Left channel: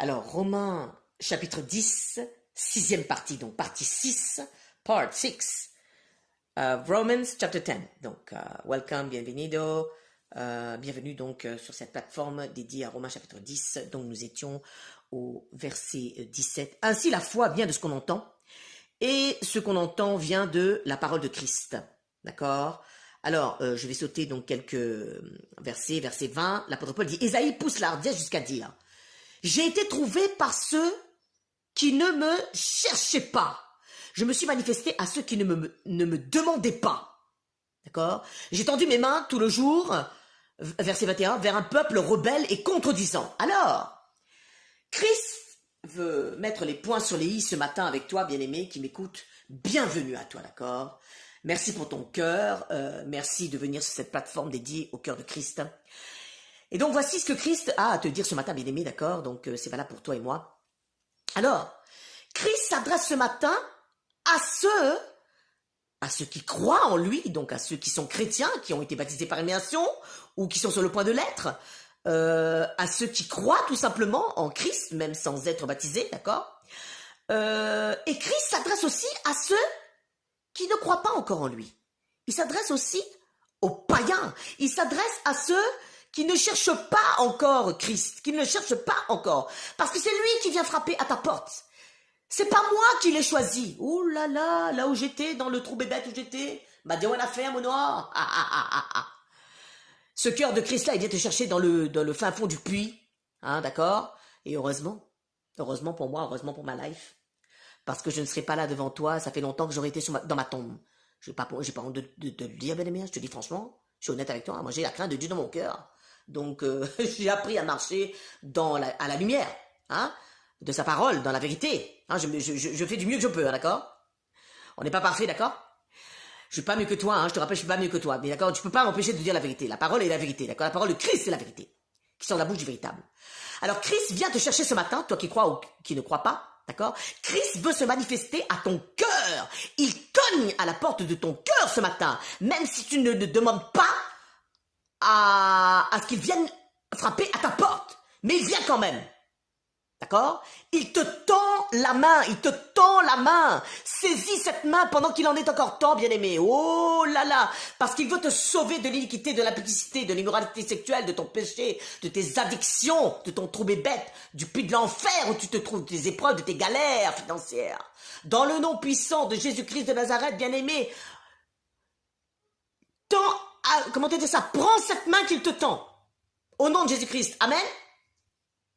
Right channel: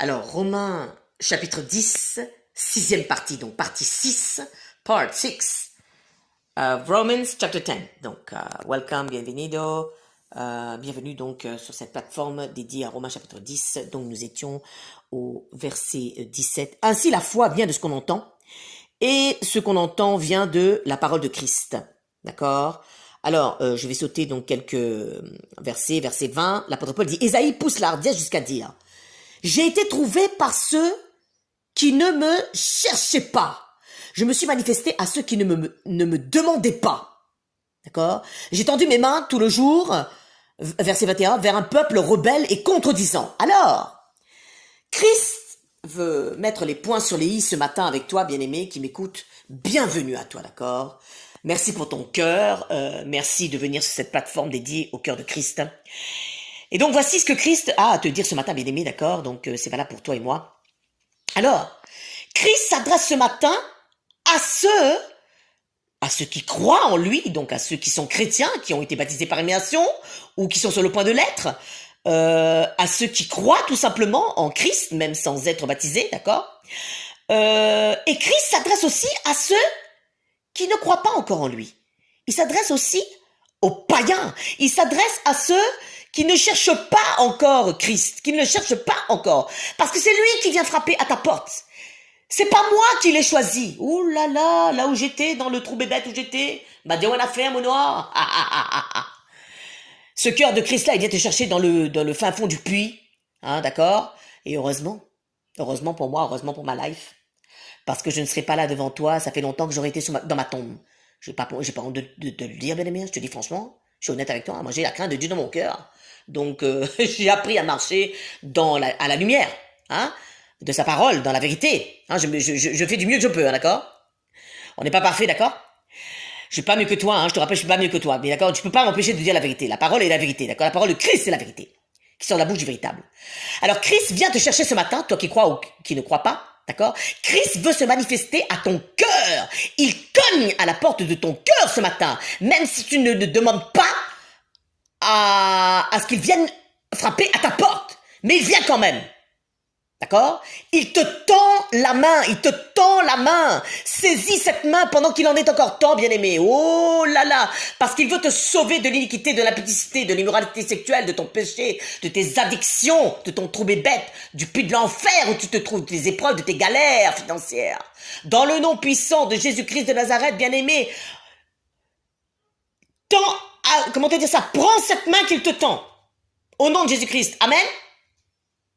Alors, Romains chapitre 10, sixième partie, donc partie 6, part 6, Romans chapter 10. Donc, welcome, bienvenido, bienvenue donc sur cette plateforme dédiée à Romains chapitre 10. Donc, nous étions au verset 17. Ainsi, la foi vient de ce qu'on entend, et ce qu'on entend vient de la parole de Christ. D'accord ? Alors, je vais sauter donc quelques versets. Verset 20, l'apôtre Paul dit « Ésaïe pousse la hardiesse jusqu'à dire « J'ai été trouvé par ceux qui ne me cherchaient pas. Je me suis manifesté à ceux qui ne me demandaient pas. » D'accord ? « J'ai tendu mes mains tout le jour, verset 21, vers un peuple rebelle et contredisant. » Alors, Christ veut mettre les points sur les i ce matin avec toi, bien-aimé, qui m'écoute. Bienvenue à toi, d'accord ? Merci pour ton cœur. Merci de venir sur cette plateforme dédiée au cœur de Christ. Et donc, voici ce que Christ a à te dire ce matin, bien-aimé, d'accord ? Donc, c'est valable pour toi et moi. Alors, Christ s'adresse ce matin à ceux qui croient en lui, donc à ceux qui sont chrétiens, qui ont été baptisés par immersion, ou qui sont sur le point de l'être, à ceux qui croient tout simplement en Christ, même sans être baptisés, d'accord ? Et Christ s'adresse aussi à ceux qui ne croient pas encore en lui. Il s'adresse aussi aux païens. Il s'adresse à ceux qui ne cherchent pas encore Christ, qui ne le cherchent pas encore. Parce que c'est lui qui vient frapper à ta porte. C'est pas moi qui l'ai choisi. Ouh là là, là où j'étais, dans le trou bébête où j'étais. Madéouane a fait, mon noir. Ce cœur de Christ-là, il vient te chercher dans le fin fond du puits. Hein, d'accord ? Et heureusement pour moi, heureusement pour ma life. Parce que je ne serai pas là devant toi, ça fait longtemps que j'aurais été dans ma tombe. J'ai pas honte de le dire, bien-aimé, je te dis franchement, je suis honnête avec toi, moi j'ai la crainte de Dieu dans mon cœur. Donc j'ai appris à marcher à la lumière, hein, de sa parole, dans la vérité. Hein, je fais du mieux que je peux, hein, d'accord ? On n'est pas parfait, d'accord ? Je suis pas mieux que toi, hein, je te rappelle, je suis pas mieux que toi, mais d'accord, tu peux pas m'empêcher de dire la vérité. La parole est la vérité, d'accord ? La parole de Christ, c'est la vérité, qui sort de la bouche du véritable. Alors Christ vient te chercher ce matin, toi qui crois ou qui ne crois pas, d'accord ? Christ veut se manifester à ton cœur. Il cogne à la porte de ton cœur ce matin, même si tu ne demandes pas à ce qu'il vienne frapper à ta porte. Mais il vient quand même. D'accord ? Il te tend la main, Saisis cette main pendant qu'il en est encore temps, bien-aimé. Oh là là ! Parce qu'il veut te sauver de l'iniquité, de l'impudicité, de l'immoralité sexuelle, de ton péché, de tes addictions, de ton trou bébête, du puits de l'enfer où tu te trouves, de tes épreuves, de tes galères financières. Dans le nom puissant de Jésus-Christ de Nazareth, bien-aimé, prends cette main qu'il te tend. Au nom de Jésus-Christ. Amen.